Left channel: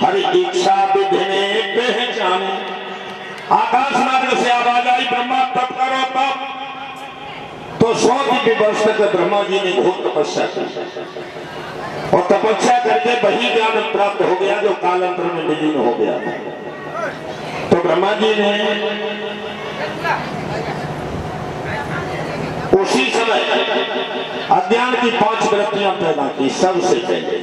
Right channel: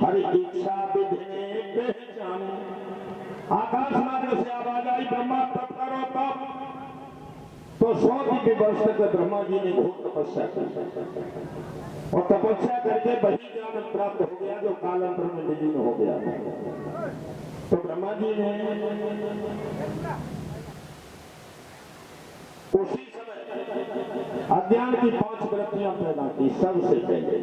हर इच्छा विधि ने पहचाने। आकाश मार्ग से आवाज आई ब्रह्मा तप करो तप। तो 100 वर्ष तक ब्रह्मा जी ने घोर तपस्या की और तपस्या करके वही ज्ञान प्राप्त हो गया जो कालांतर में विलीन हो गया। तो ब्रह्मा जी ने उसी समय अज्ञान की 5 वृत्तियां पैदा की सबसे पहले।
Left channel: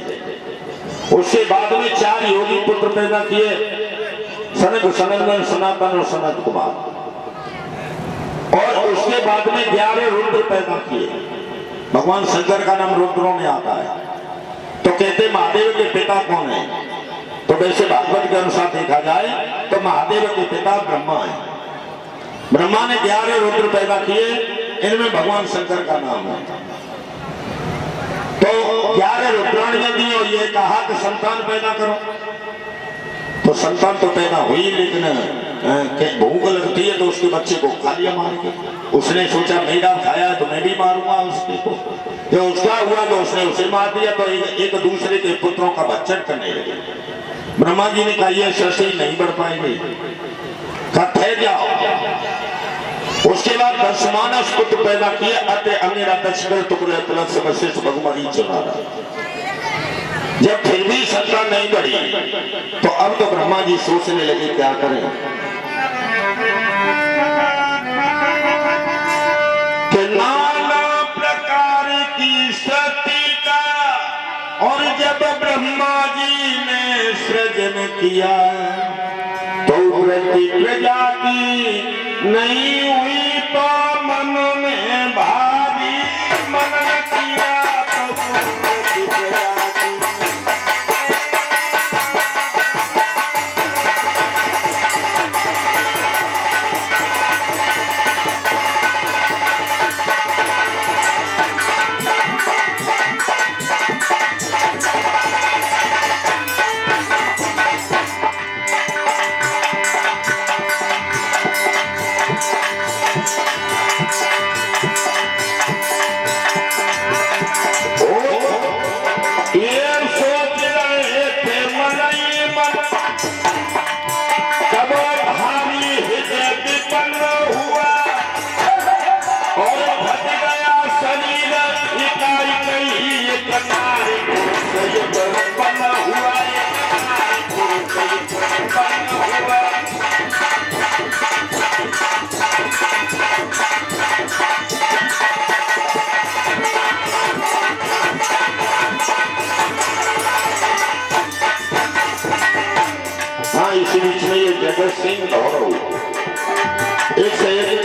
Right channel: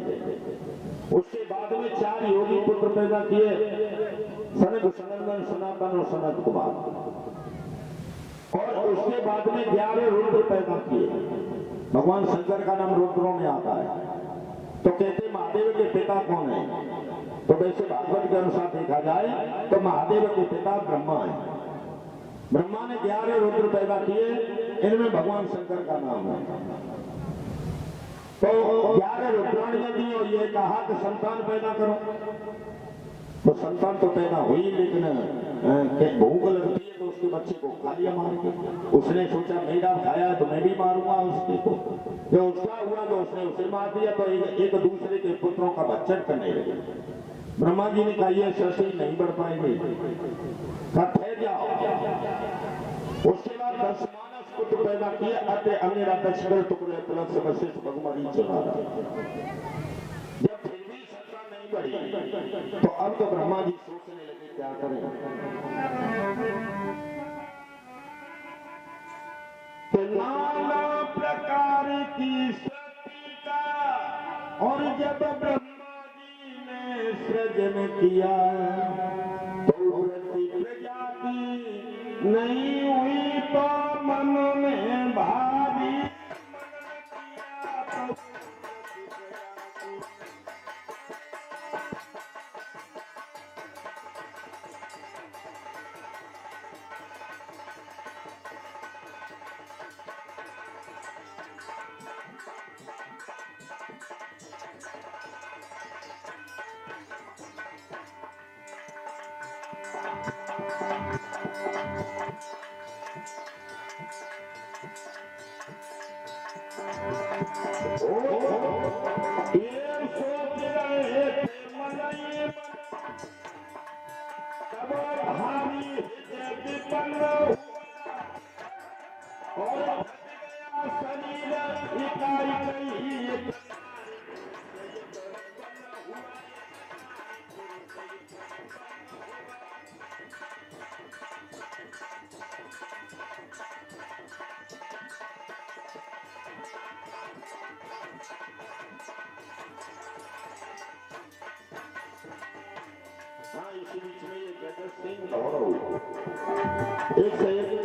उसके बाद में 4 योगी पुत्र पैदा किए, सनक सनंदन सनातन और सनत कुमार। और उसके बाद में 11 रुद्र पैदा किए। भगवान शंकर का नाम रुद्रों में आता है। तो कहते महादेव के पिता कौन है? तो वैसे भागवत के अनुसार देखा जाए तो महादेव के पिता ब्रह्मा है। ब्रह्मा ने 11 रुद्र पैदा किए, इनमें भगवान शंकर का नाम है। तो 11 रुद्राणियां दी और ये कहा कि संतान पैदा करो। तो संतान तो पैदा हुई, लेकिन भूख लगती है तो उसके बच्चे को खा लिया मार के। उसने सोचा मेरा खाया है तो मैं भी मारूंगा उसके को। जो उसका हुआ तो उसने उसे मार दिया। तो एक दूसरे के पुत्रों का भक्षण करने लगे। ब्रह्मा जी ने कहा ये सृष्टि नहीं बढ़ पाएगी, ठहर जाओ। उसके बाद 10 मानस पुत्र पैदा किए। अतः अमेरा दक्षिण टुकड़े तलक से वशिष्ठ भगवान चला रहा। जब फिर भी संतान नहीं बढ़ी तो अब तो ब्रह्मा जी सोचने लगे क्या करें कि नाना प्रकार की सती का। और जब ब्रह्मा जी ने सृजन किया तो वृत्ति प्रजा की नहीं हुई तो मन में भारी मनन किया तो वृत्ति प्रजा की। इसी बीच में ये जगत सिंह गौरव एक से एक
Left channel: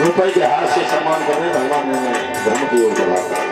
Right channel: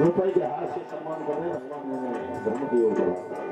रुपए के हाथ से सम्मान कर रहे। भगवान ने धर्म की ओर बढ़ा।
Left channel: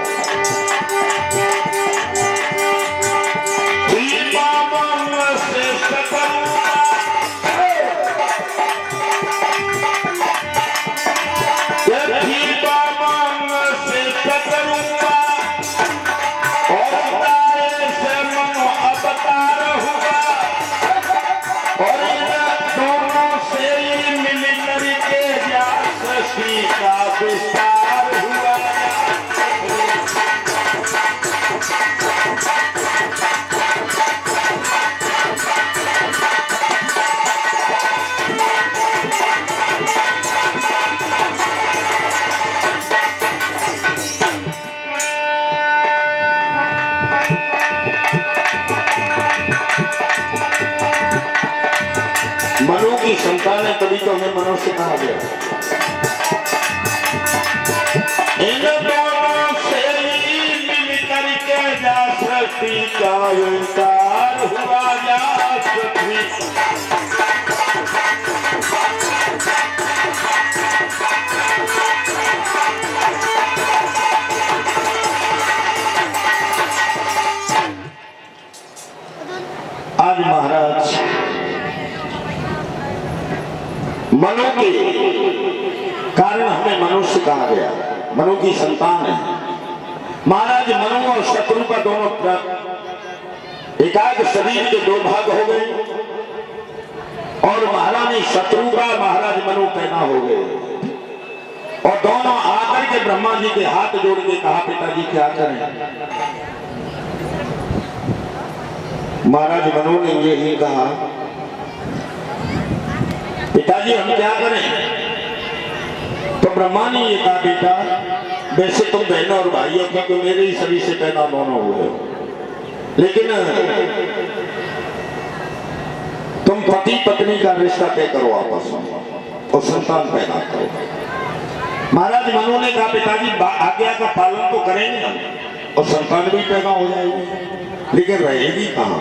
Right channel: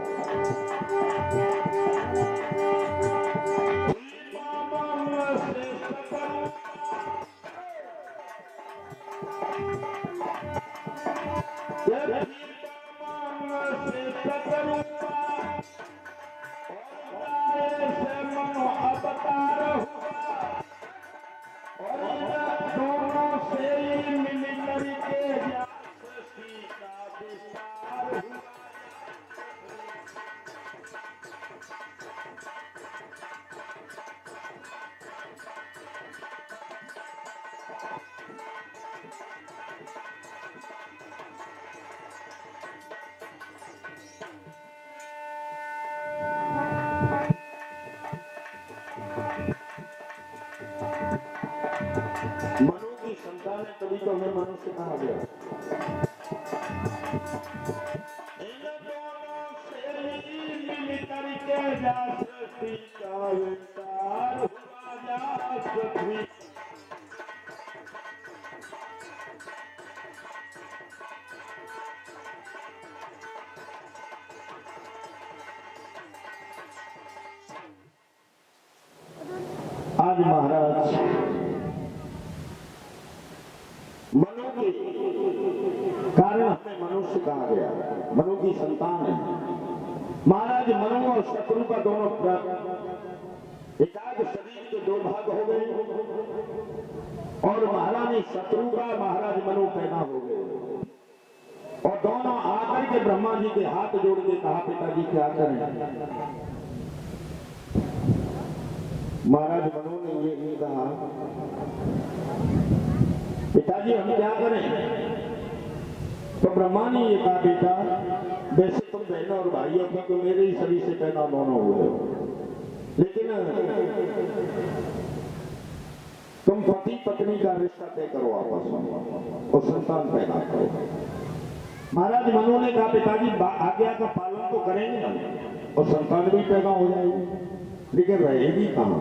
मनु की संतान है तभी तो हमें मनुष्य कहा गया। इन दोनों से मिल करके जा सृष्टि का विस्तार हुआ। जा पृथ्वी आज महाराज मनु के कारण हमें मनुष्य कहा गया। मनु की संतान है। महाराज मनु और शत्रु का दोनों एकाग्र शरीर के 2 भाग हो गए और महारानी शत्रु का महाराज मनु पैदा हो गए। और दोनों आकर के ब्रह्मा जी के हाथ जोड़ के कहा पिताजी क्या करें। महाराज मनु ने यही कहा, पिताजी हम क्या करें? तो ब्रह्मा ने ये कहा, बेटा वैसे तुम बहन और भाई हो क्योंकि मेरे ही शरीर से पैदा दोनों हुए हो, लेकिन तुम पति पत्नी का रिश्ता तय करो आपस में और संतान पैदा करो। महाराज मनु ने कहा, पिताजी आज्ञा का पालन तो करेंगे हम और संतान भी पैदा हो जाएगी, लेकिन रहेगी कहाँ?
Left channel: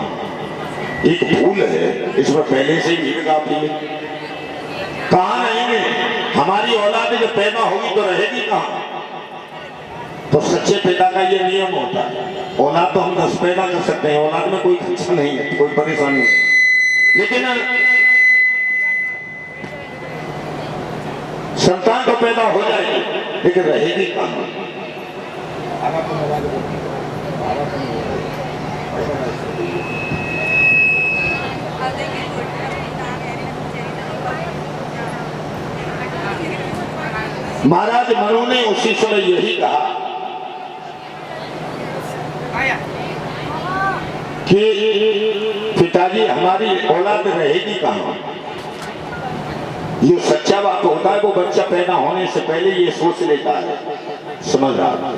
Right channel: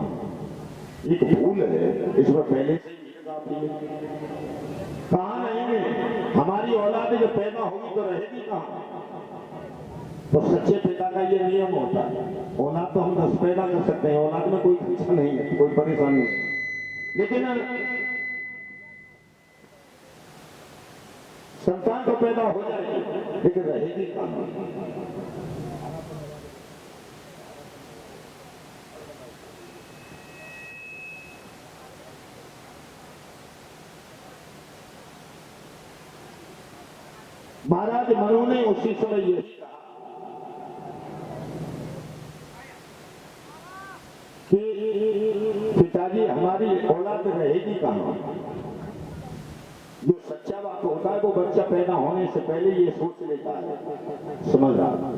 एक भूल है, इसमें पहले से ही काफी है। कहाँ रहेंगे? हमारी औलाद जब पैदा होगी तो रहेगी कहाँ? तो सच्चे पिता का ये नियम होता है, औलाद तो हम 10 पैदा कर सकते हैं, औलाद में कोई खर्चा नहीं है, कोई परेशानी नहीं, लेकिन संतान तो पैदा हो जाएगी लेकिन रहेगी कहाँ? महाराज मनु ने उसी समय यही कहा कि पिताजी हमारी औलाद रहेगी कहाँ? ये सच्चा बात होता है, वो बच्चा पैदा होने से पहले ये सोच लेता है, समझ रहा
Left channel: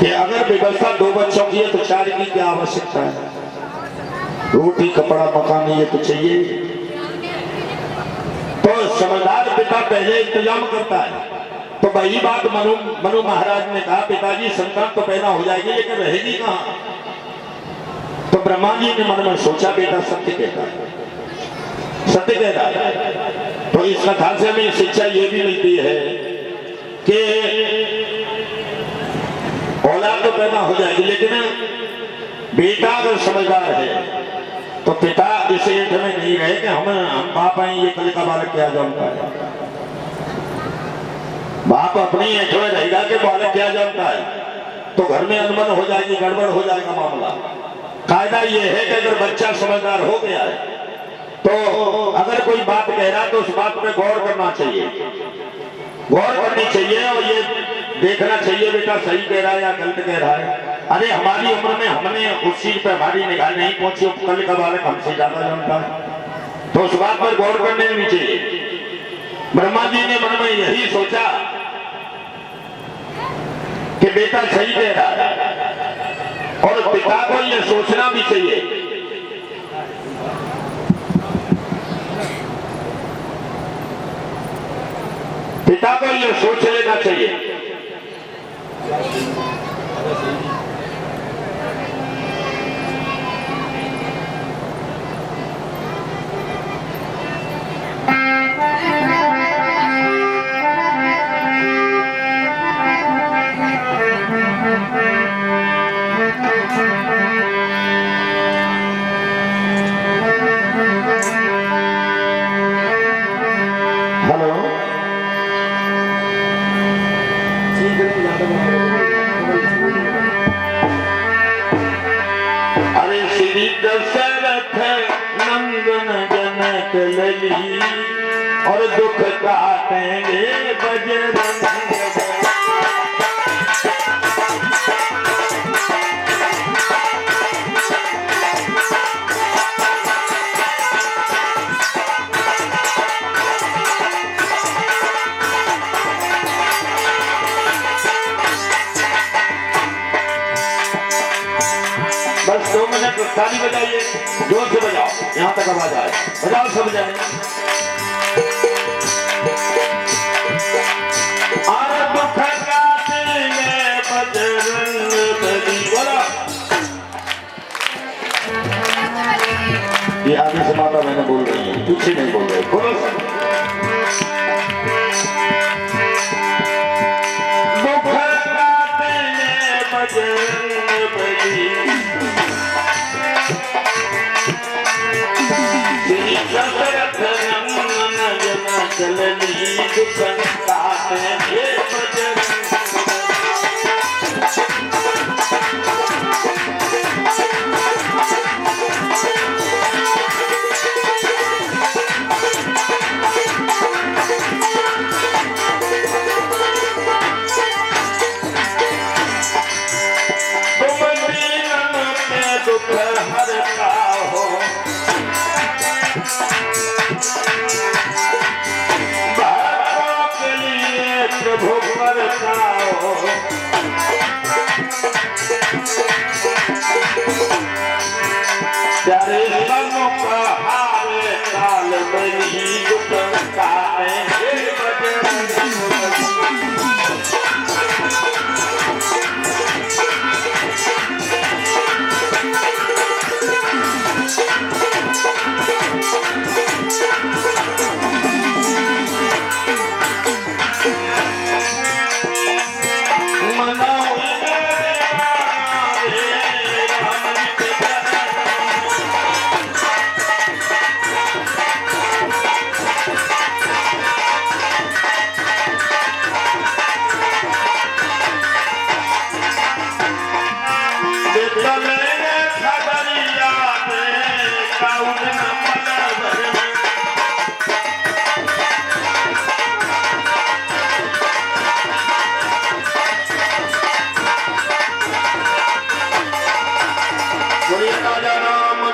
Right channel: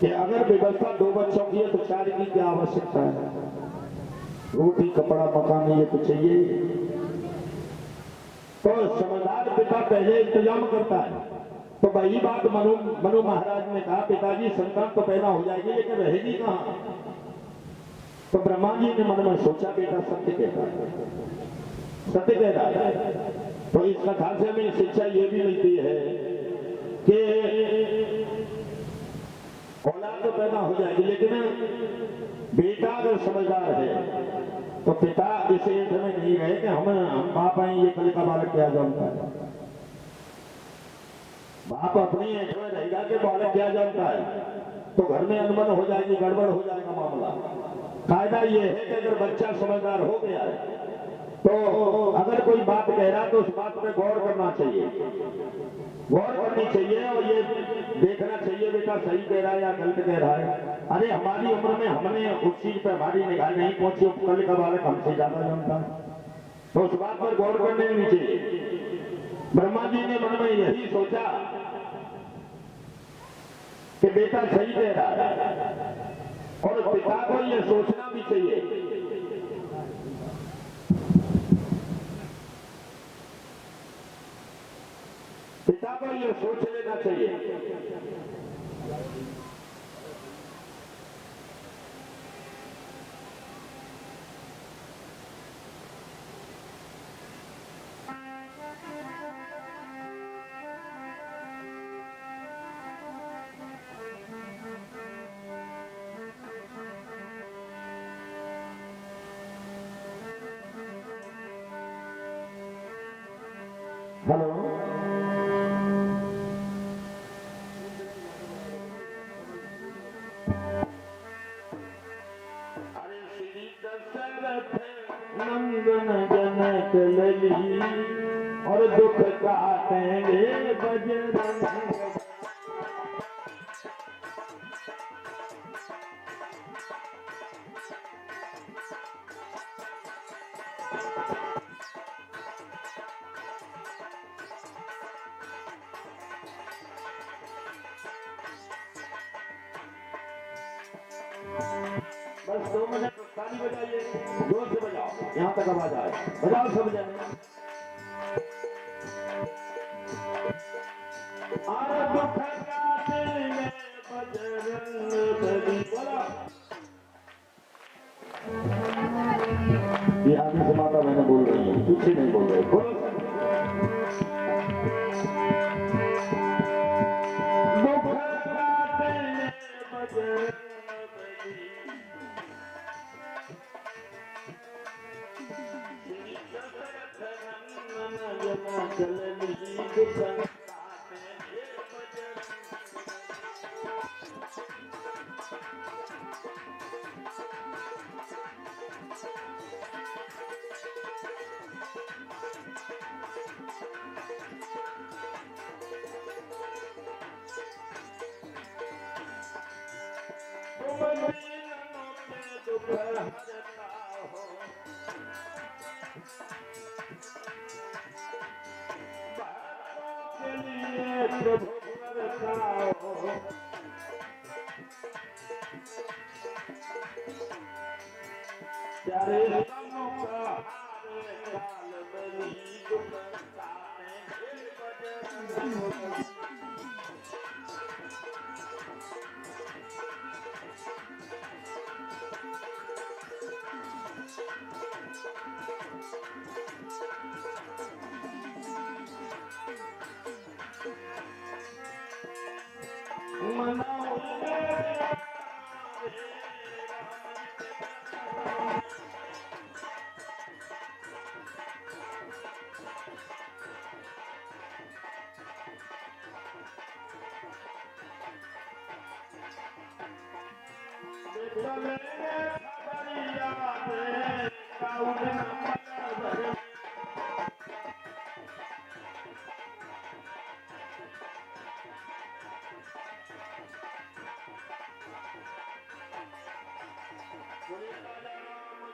कि अगर व्यवस्था 2 बच्चों की है तो 4 की क्या आवश्यकता है? रोटी कपड़ा मकान ये तो चाहिए। तो समझदार पिता पहले इंतजाम करता है। तो वही बात मनु महाराज ने कहा, पिताजी संतान तो पैदा हो जाएगी लेकिन रहेगी कहाँ? तो ब्रह्मा जी ने मन में सोचा, बेटा सत्य कहता है, सत्य कह रहा है। तो इस कथा से हमें शिक्षा ये भी मिलती है कि औलाद तो पैदा हो जाएगी लेकिन बेटा अगर समझदार है तो पिता इस एंठ में नहीं रहे कि हम बाप हैं, ये कल का बालक क्या जानता है। बाप अपनी एंठ में रहेगा कि बालक क्या जानता है, तो घर में अनबन हो जाएगी, गड़बड़ हो जाएगा मामला। कायदा ये है कि अगर बच्चा समझदार हो गया है तो अगर कोई बात कह रहा है तो उस बात पे गौर करना चाहिए, गौर करनी चाहिए और ये देखना चाहिए बेटा सही कह रहा है या गलत कह रहा है। अरे हमारी उम्र में हमने उस चीज पे हमारी निगाह नहीं पहुंची, कल का बालक हमसे ज्यादा जानता है, तो उस बात पर गौर करने नहीं चाहिए। ब्रह्मा जी ने मन में यही सोचा कि बेटा सही कह रहा है और पिता को यह सोचना भी चाहिए पिता को यह सोच लेना चाहिए। हेलो, अरे श्री दशरथ नंदन जनक लली और दुख काटेंगे बजरंग। बस 2 मिनट ताली बजाइए, जोर से बजाओ, यहाँ तक आवाज आए, बजाओ सब जाए। और दुख काटेंगे बजरंग बली, बोला। ये आगे से माता मैंने बोल रही है, पीछे नहीं बोल रहे, बोलो। दुख काटेंगे बजरंग बली, दशरथ नंदन जनक लली दुख काटेंगे बजरंग। तुम दीन पे दुख हरता बनो कहावे काल बनी दुख काहे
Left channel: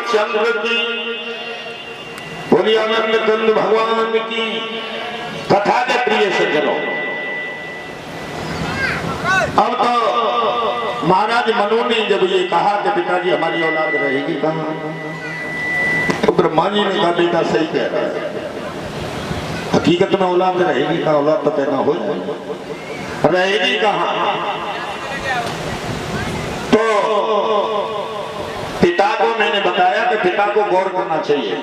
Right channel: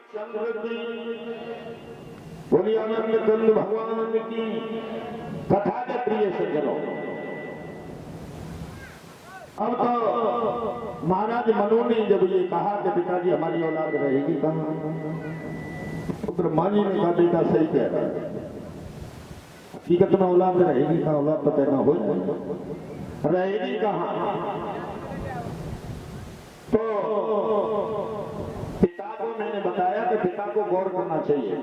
चंद्र की बोली आनंद कंद भगवान की कथा के प्रिय सज्जनों। अब तो महाराज मनु ने जब ये कहा कि पिताजी हमारी औलाद रहेगी कहाँ, तो ब्रह्मा जी ने कहा बेटा सही कह रहा है, हकीकत में औलाद रहेगी कहाँ, औलाद तो पैदा हो जाएगी, रहेगी कहाँ। तो पिता को मैंने बताया कि पिता को गौर करना चाहिए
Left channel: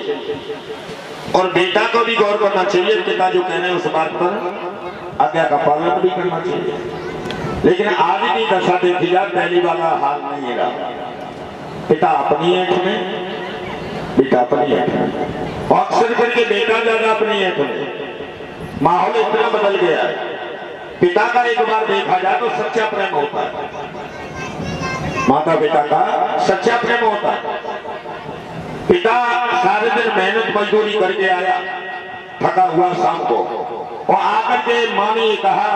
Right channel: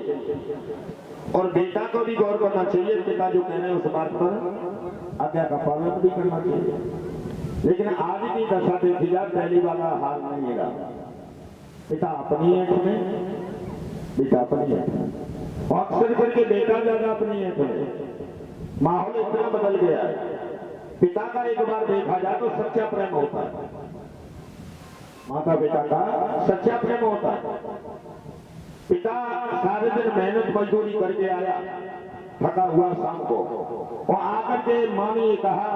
और बेटा को भी गौर करना चाहिए। पिता जो कह रहे हैं उस बात पर आज्ञा का पालन भी करना चाहिए। लेकिन आज की दशा देखी जाए पहली वाला हाल नहीं रहा। पिता अपनी ऐठ में, बेटा अपनी ऐठ में, अक्सर करके बेटा ज्यादा अपनी ऐठ में। माहौल इतना बदल गया है। पिता का एक बार देखा जाए तो सच्चा प्रेम होता है, माता पिता का सच्चा प्रेम होता है। पिता सारे दिन मेहनत मजदूरी करके आया, थका हुआ शाम को, और आकर के माँ ने कहा,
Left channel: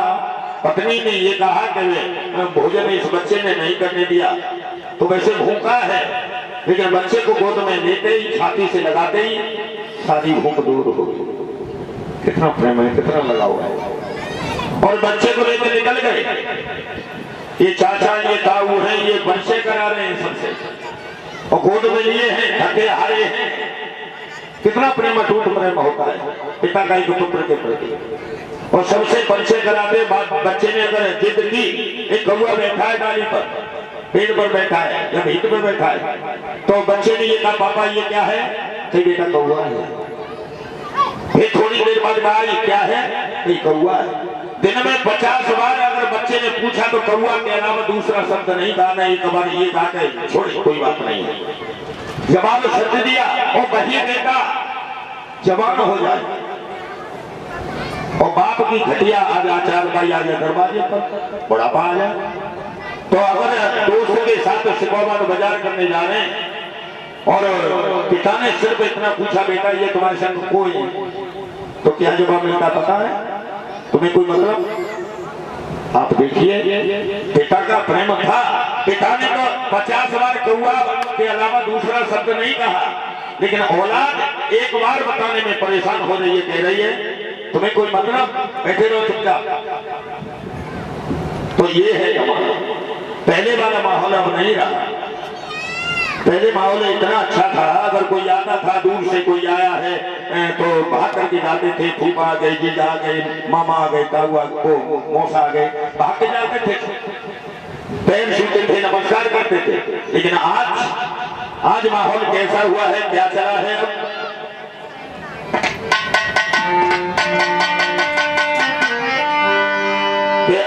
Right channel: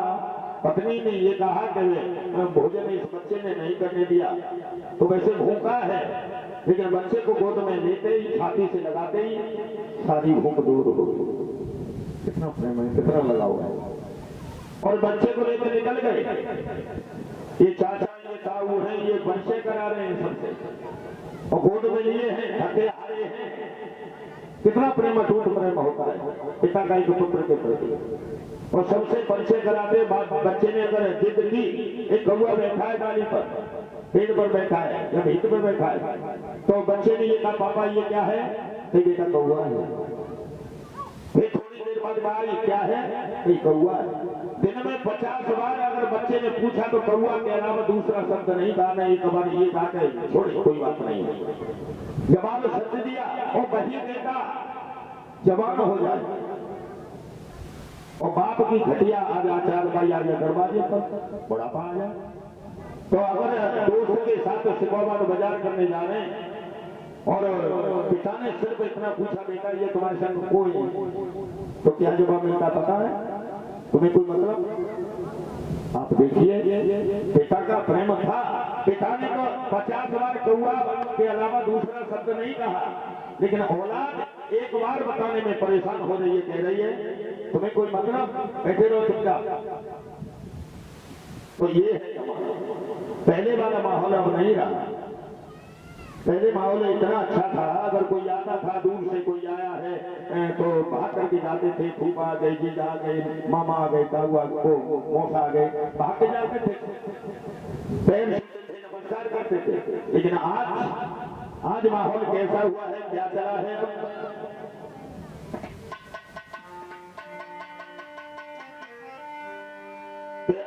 पत्नी ने ये कहा कि भोजन इस बच्चे ने नहीं करने दिया, तो वैसे भूखा है, लेकिन बच्चे को गोद में लेते ही छाती से लगाते ही सारी भूख दूर हो गई। कितना प्रेम है, कितना लगाव है। और बच्चे को लेकर निकल गए। ये चाचा ये ताऊ हैं, ये बच्चे करा रहे हैं सबसे, और गोद में लिए हैं, थके हारे हैं। कितना प्रेम, अटूट प्रेम होता है पिता का एक पुत्र के प्रति। और सबसे परिचय कराते बच्चे ने अगर जिद की, एक कौवा बैठा है डाली पर, पेड़ पर बैठा है या भीत पर बैठा है, तो बच्चे ने ये कहा पापा ये क्या है, तो बेटा कौवा है। फिर थोड़ी देर बाद कहा ये क्या है, ये कौवा है। दिन में 50 बार अगर बच्चे ने पूछा तो कौवा के अलावा दूसरा शब्द नहीं कहा, नहीं एक बार ये कहा कि छोड़ कोई बात नहीं है। जवाब सत्य दिया और वही बेटा जवान हो जाए। और बाप की घटिया आज आचार भाई आ जाए दरवाजे पर, बुढ़ापा आ जाए। तो अगर दोस्तों के साथ सिकौबाद बाजार करने जा रहे हैं और पिता ने सिर्फ इतना पूछा बेटा ये तुम्हारे संग कोई, तो क्या जवाब मिलता पता है तुम्हें? कोई मतलब। आप देखिए पिता का प्रेम था। पिता ने तो 50 बार कौवा के अलावा दूसरा शब्द नहीं कहा, लेकिन औलाद एक बार बताने में परेशान हो रही है, कह रही है तुम्हें कोई मतलब, बैठे रहो चुपचाप। तो ये है जमाना। पहले वाला माहौल अब नहीं रहा। पहले माहौल इतना अच्छा था, अगर कोई आता था दूर से कोई आया है तो भाग करके जाते थे, फूफा आ गए, जीजा आ गए, मामा आ गए, ताऊ आ गए, मौसा आ गए, भाग के जाते थे, पैर छूते थे, नमस्कार करते थे। लेकिन आज माहौल कैसा हुआ है, क्या चला है?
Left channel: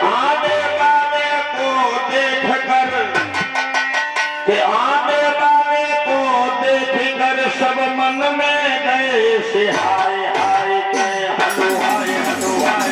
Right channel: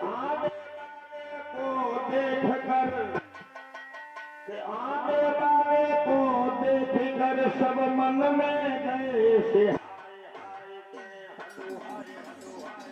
आने वाले को देख कर, आने वाले को देख कर सब मन में गए से हाय हाय के हलो हाय हलो हाय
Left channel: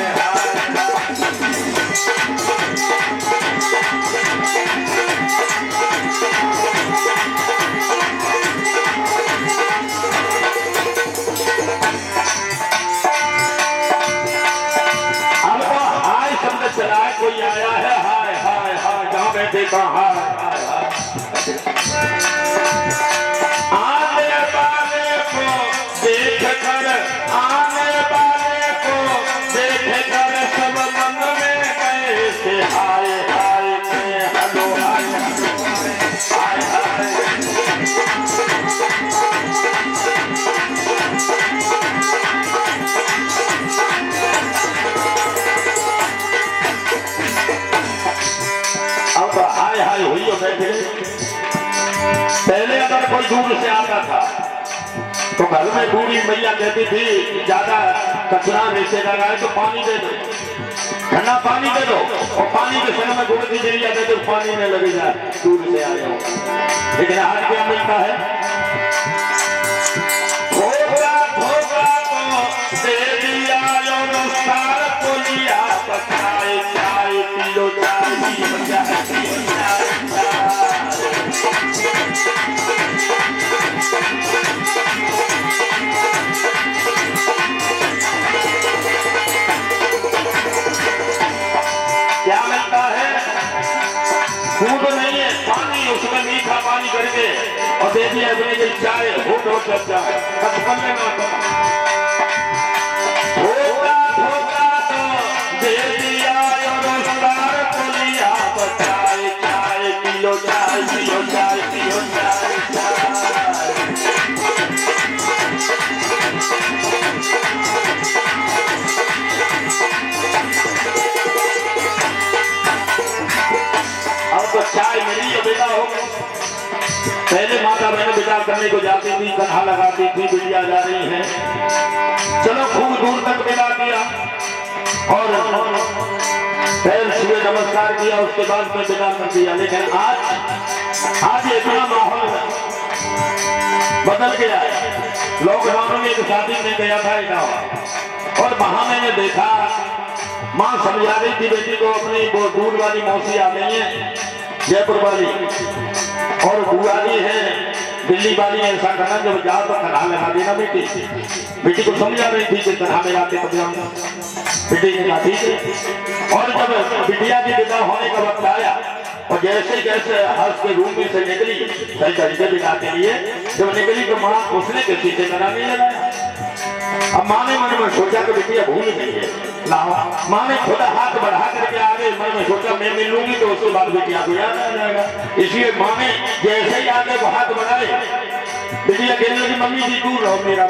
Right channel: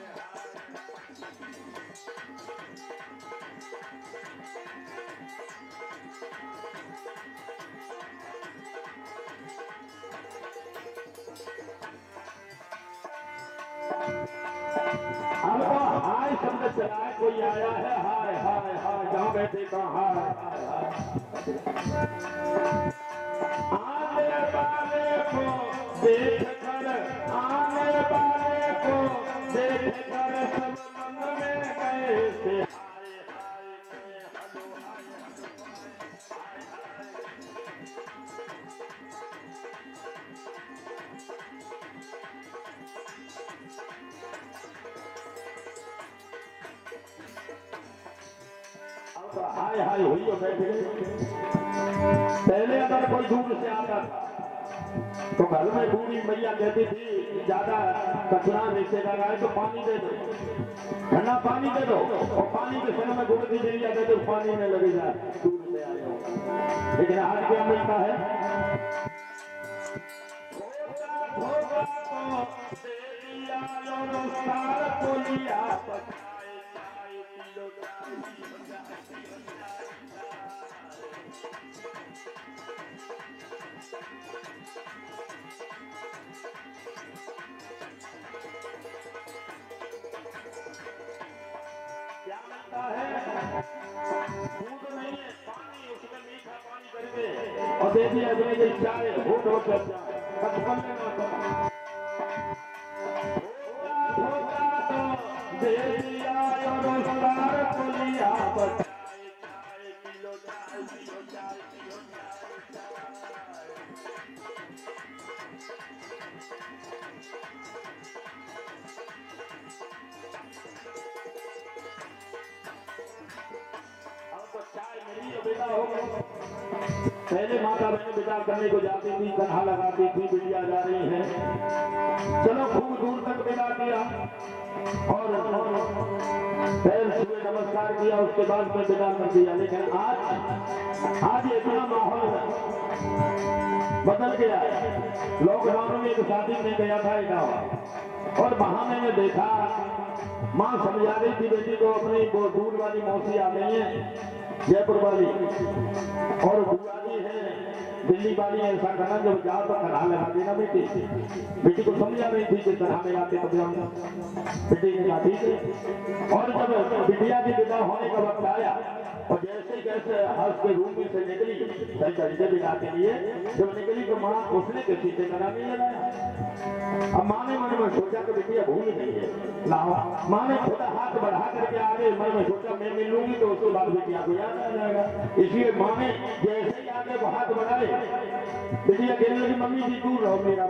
अब तो हाय शब्द चला, कोई आया है हाय हाय हाय, जहां बैठे कहा हाय हाय हाय। आने वाले को देख कर, आने वाले को देख कर सब मन में गए से हाय हाय के हलो हाय हाय हाय हाय। हुई और बैठ गए। पहले अगर कोई दूर से आता था तो घर में बूढ़ी मैया कहती थी ज्यादा कचरा नीचे लगा है तो पानी दे दो, ठंडा पानी दे दो, और पानी के समय में गुड़ की जरिया दे दो, पानी में लग जाए, दूर से आ जाओ। लेकिन आज क्या मिलता है, धोखा धोखा तो दे दिया और सार को लिया, चाय चाय पियो चाय पियो चाय पियो चाय। क्या मिलता है, दूध नहीं है, पानी, उसमें मीठा पानी करके और दे दिया अपने के चाय, होट होट चाय, कचपन में ना धोखा धोखा तो दे दिया और सार को लिया, चाय चाय पियो चाय पियो चाय पियो चाय चाय। तो चाय मिली है, बेटा हो। पहले माता बहन विचार करने को जाती थी, कन्हा लगाती थी, बिटिया जा रही है, चलो खूब दूर तक विदा किया और पैर छुए नमस्कार किया, उसके बाद में विदा कर दिया। लेकिन आज इतना माहौल बदल गया है। लॉकडाउन में एक शादी में गया था इटावा, और वहां मैंने देखा माँ समझा रही थी बेटी को अपनी, वो दूर वाली मौसी आ गई है जयपुर वाली, और बुआ जी है दिल्ली वाली, ऐसा करना जब जाओ तो कन्हा लगा देना बेटी। बेटी को समझा रही थी कि कन्हा लगाते तब हम बेटी ने कहा ठीक है। और जब बिटिया की विदा होने का वक्त आया और जैसे जैसे हर्ष के रूम में से निकली सही तरीके विदा के लिए, जब निकली तो माँ उसने किसी से कन्हा नहीं लगाया। अब माँ ने मन में सोचा कि बेटिया भूल गई है, लाओ। माँ ने खुद हाथ बढ़ा करके आगे मन में सोचा मैं मिल लूंगी तो उसके बाद बेटिया को याद आ जाएगा। इसलिए माँ ने जैसे ही आगे वो हाथ बढ़ाए, बेटिया कहने लगी मम्मी जी दूर रहो मेरा